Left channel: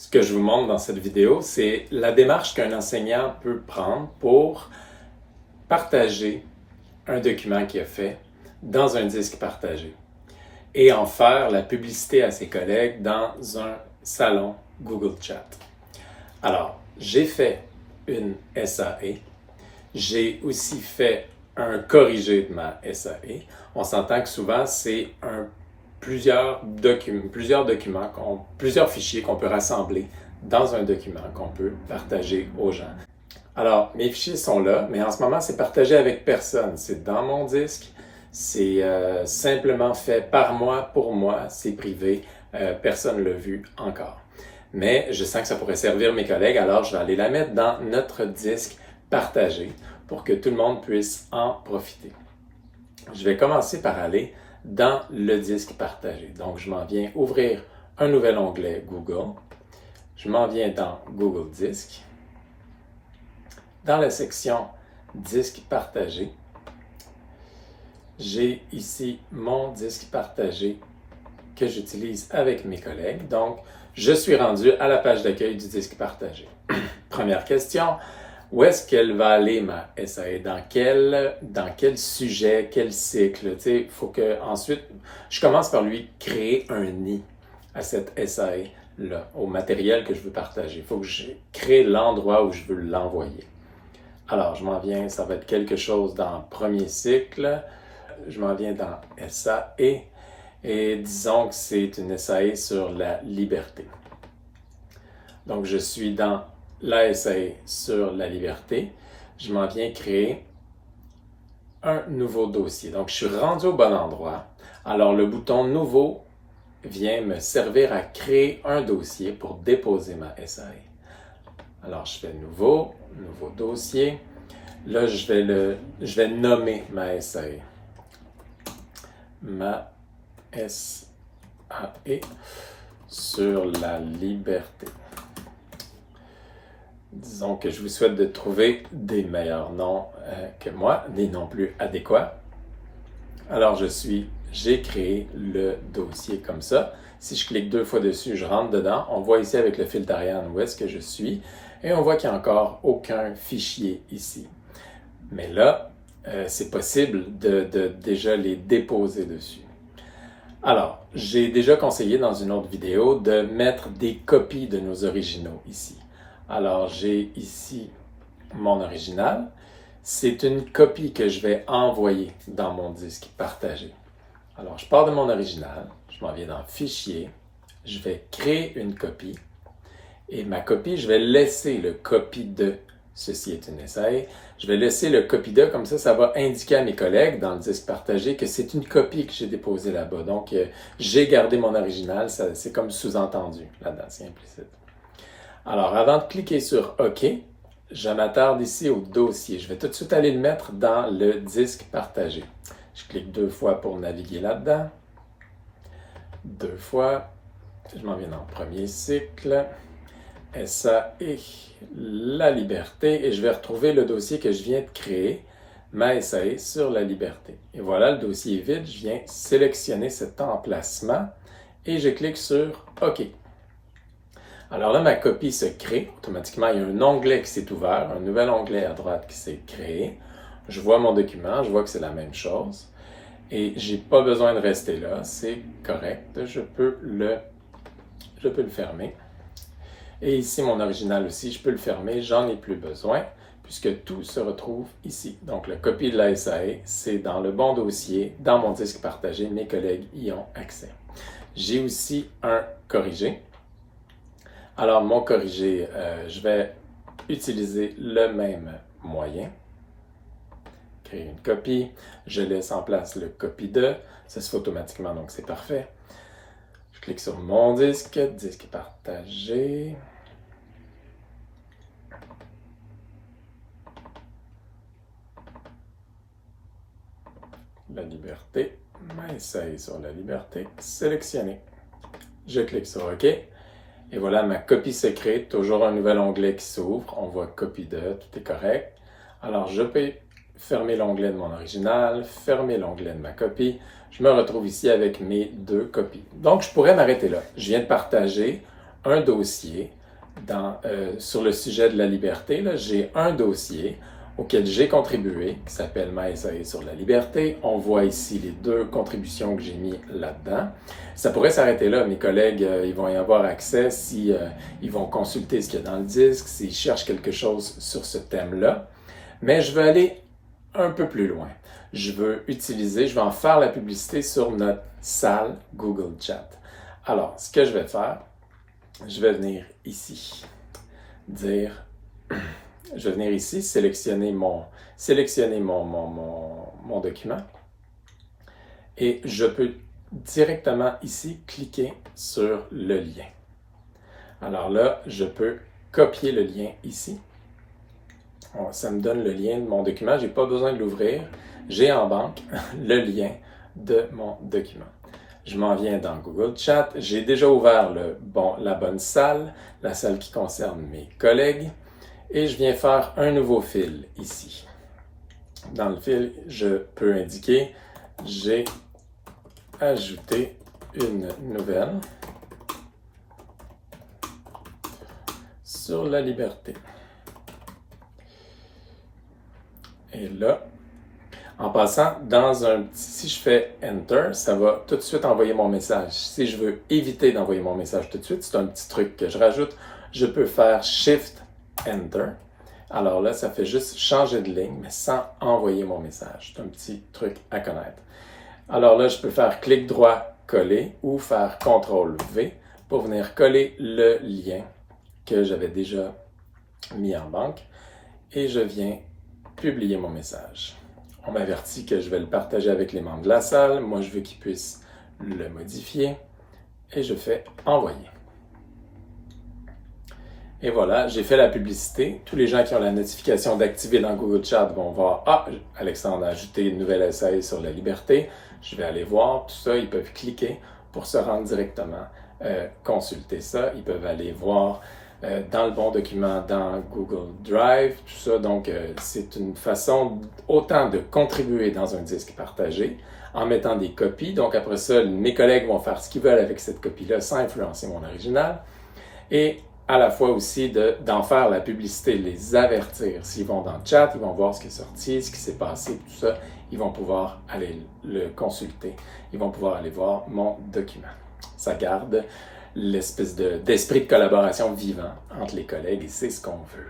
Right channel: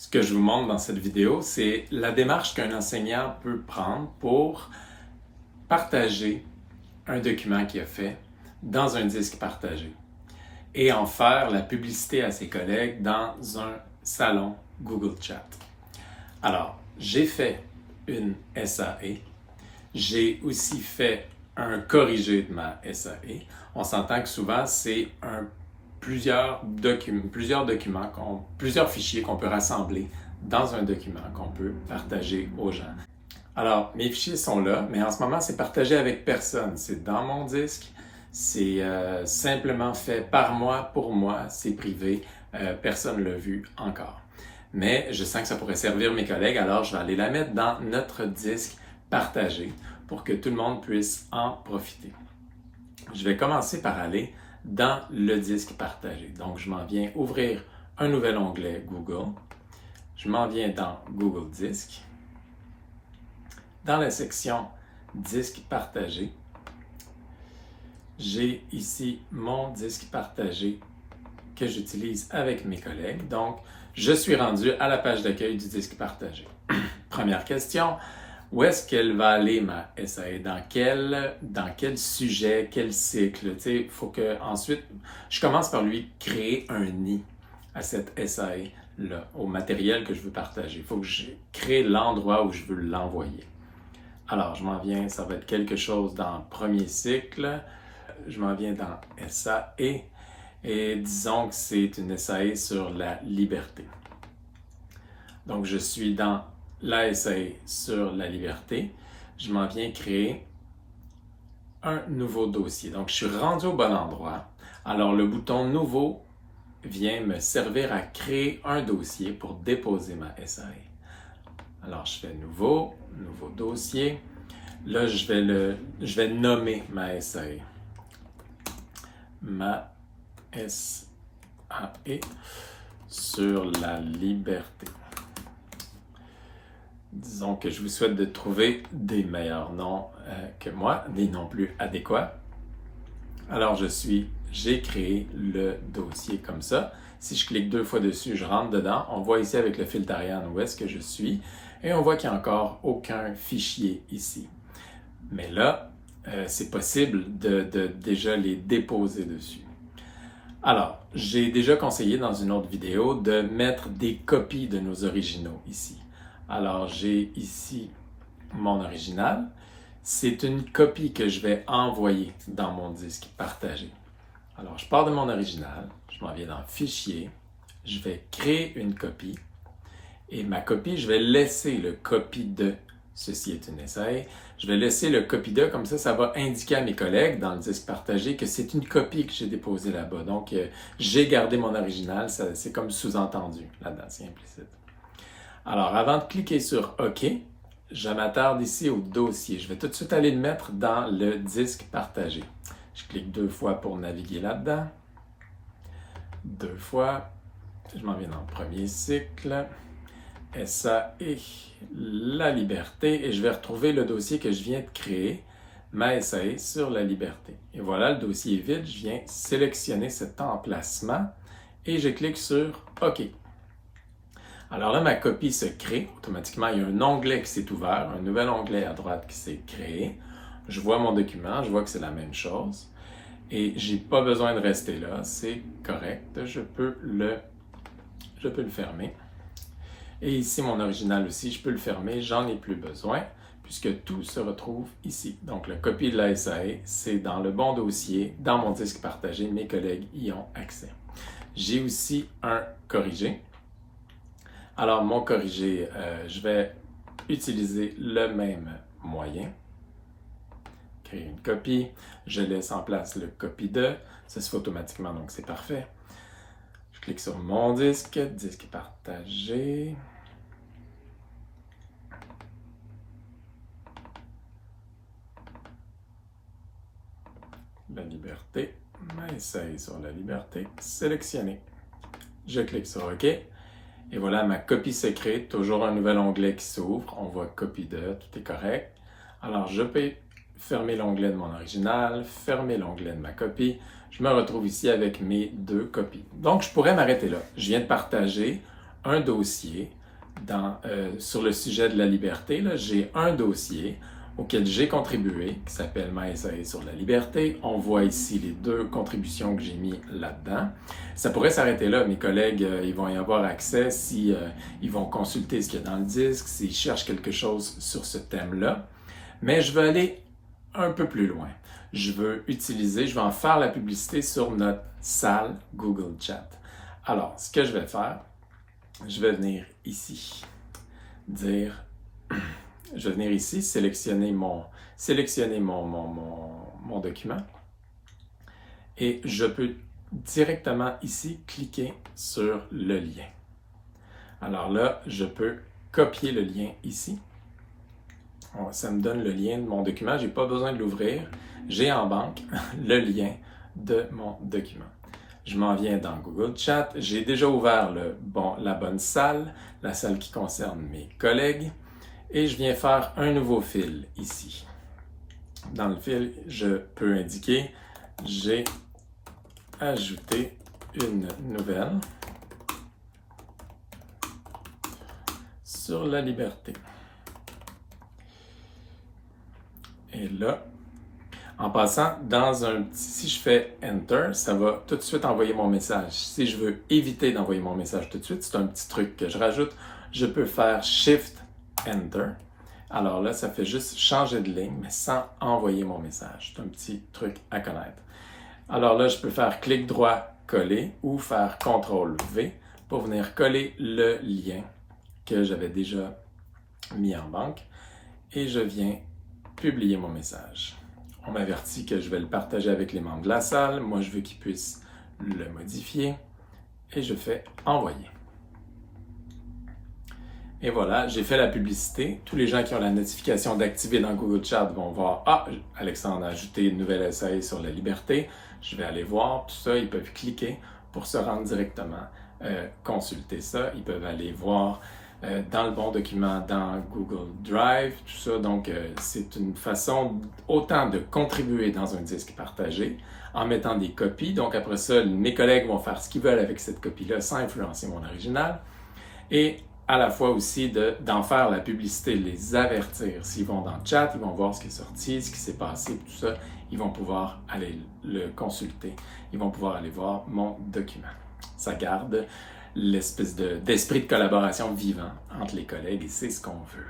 Ce que je vous montre dans cette vidéo, c'est la démarche qu'un enseignant peut prendre pour partager un document qu'il a fait dans un disque partagé et en faire la publicité à ses collègues dans un salon Google Chat. Alors, j'ai fait une SAE. J'ai aussi fait un corrigé de ma SAE. On s'entend que souvent, c'est plusieurs documents, plusieurs fichiers qu'on peut rassembler dans un document qu'on peut partager aux gens. Alors, mes fichiers sont là, mais en ce moment, c'est partagé avec personne. C'est dans mon disque, c'est simplement fait par moi, pour moi, c'est privé, personne ne l'a vu encore. Mais je sens que ça pourrait servir mes collègues, alors je vais aller la mettre dans notre disque partagé pour que tout le monde puisse en profiter. Je vais commencer par aller dans le disque partagé. Donc, je m'en viens ouvrir un nouvel onglet Google. Je m'en viens dans Google Disque. Dans la section Disque partagé, j'ai ici mon disque partagé que j'utilise avec mes collègues. Donc, je suis rendu à la page d'accueil du disque partagé. Première question, où est-ce qu'elle va aller ma SAE? Dans quel sujet, quel cycle? Il faut que ensuite, je commence par lui créer un nid à cette SAE-là, au matériel que je veux partager. Il faut que je crée l'endroit où je veux l'envoyer. Alors, je m'en viens, ça va être quelque chose dans premier cycle. Je m'en viens dans SAE et disons que c'est une SAE sur la liberté. Donc, je suis dans la SAE sur la liberté. Je m'en viens créer un nouveau dossier. Donc, je suis rendu au bon endroit. Alors, le bouton « Nouveau » vient me servir à créer un dossier pour déposer ma SAE. Alors, je fais « Nouveau »,« Nouveau dossier ». Là, je vais nommer ma SAE. Ma SAE sur la liberté. Disons que je vous souhaite de trouver des meilleurs noms que moi, des noms plus adéquats. Alors, j'ai créé le dossier comme ça. Si je clique 2 fois dessus, je rentre dedans. On voit ici avec le filtre Ariane où est-ce que je suis. Et on voit qu'il n'y a encore aucun fichier ici. Mais là, c'est possible de déjà les déposer dessus. Alors, j'ai déjà conseillé dans une autre vidéo de mettre des copies de nos originaux ici. Alors, j'ai ici mon original. C'est une copie que je vais envoyer dans mon disque partagé. Alors, je pars de mon original, je m'en viens dans Fichier, je vais créer une copie. Et ma copie, je vais laisser le copie de, ceci est une SAE, je vais laisser le copie de, comme ça va indiquer à mes collègues dans le disque partagé que c'est une copie que j'ai déposée là-bas. Donc, j'ai gardé mon original, c'est comme sous-entendu là-dedans, c'est implicite. Alors, avant de cliquer sur OK, je m'attarde ici au dossier. Je vais tout de suite aller le mettre dans le disque partagé. Je clique 2 fois pour naviguer là-dedans. 2 fois. Je m'en viens dans le premier cycle. SAE, la liberté. Et je vais retrouver le dossier que je viens de créer, ma SAE sur la liberté. Et voilà, le dossier est vide. Je viens sélectionner cet emplacement et je clique sur OK. Alors là, ma copie se crée. Automatiquement, il y a un onglet qui s'est ouvert, un nouvel onglet à droite qui s'est créé. Je vois mon document, je vois que c'est la même chose. Et je n'ai pas besoin de rester là, c'est correct. Je peux le fermer. Et ici, mon original aussi, je peux le fermer, j'en ai plus besoin, puisque tout se retrouve ici. Donc, la copie de la SAE, c'est dans le bon dossier, dans mon disque partagé, mes collègues y ont accès. J'ai aussi un corrigé. Alors, mon corrigé, je vais utiliser le même moyen. Créer une copie. Je laisse en place le copie de. Ça se fait automatiquement, donc c'est parfait. Je clique sur mon disque, disque partagé. La liberté. Ma SAE sur la liberté. Sélectionné. Je clique sur OK. Et voilà, ma copie se crée, toujours un nouvel onglet qui s'ouvre. On voit copie de, tout est correct. Alors, je peux fermer l'onglet de mon original, fermer l'onglet de ma copie. Je me retrouve ici avec mes 2 copies. Donc, je pourrais m'arrêter là. Je viens de partager un dossier sur le sujet de la liberté. J'ai un dossier auquel j'ai contribué, qui s'appelle Ma essai sur la liberté. On voit ici les 2 contributions que j'ai mis là-dedans. Ça pourrait s'arrêter là. Mes collègues, ils vont y avoir accès si ils vont consulter ce qu'il y a dans le disque, s'ils cherchent quelque chose sur ce thème-là. Mais je veux aller un peu plus loin. Je vais en faire la publicité sur notre salle Google Chat. Alors, ce que je vais faire, je vais venir ici, sélectionner mon document et je peux directement ici cliquer sur le lien. Alors là, je peux copier le lien ici. Ça me donne le lien de mon document, je n'ai pas besoin de l'ouvrir. J'ai en banque le lien de mon document. Je m'en viens dans Google Chat. J'ai déjà ouvert la bonne salle, la salle qui concerne mes collègues. Et je viens faire un nouveau fil ici. Dans le fil, je peux indiquer « J'ai ajouté une nouvelle sur la liberté ». Et là, en passant, si je fais Enter, ça va tout de suite envoyer mon message. Si je veux éviter d'envoyer mon message tout de suite, c'est un petit truc que je rajoute, je peux faire Shift Enter. Alors là, ça fait juste changer de ligne, mais sans envoyer mon message. C'est un petit truc à connaître. Alors là, je peux faire clic droit, coller, ou faire CTRL V pour venir coller le lien que j'avais déjà mis en banque. Et je viens publier mon message. On m'avertit que je vais le partager avec les membres de la salle. Moi, je veux qu'ils puissent le modifier. Et je fais envoyer. Et voilà, j'ai fait la publicité. Tous les gens qui ont la notification d'activer dans Google Chat vont voir « Ah, Alexandre a ajouté une nouvelle essai sur la liberté. » Je vais aller voir tout ça. Ils peuvent cliquer pour se rendre directement consulter ça. Ils peuvent aller voir dans le bon document dans Google Drive, tout ça. Donc, c'est une façon autant de contribuer dans un disque partagé en mettant des copies. Donc, après ça, mes collègues vont faire ce qu'ils veulent avec cette copie-là sans influencer mon original. Et à la fois aussi d'en faire la publicité, les avertir. S'ils vont dans le chat, ils vont voir ce qui est sorti, ce qui s'est passé, tout ça. Ils vont pouvoir aller le consulter. Ils vont pouvoir aller voir mon document. Ça garde l'espèce d'esprit de collaboration vivant entre les collègues et c'est ce qu'on veut.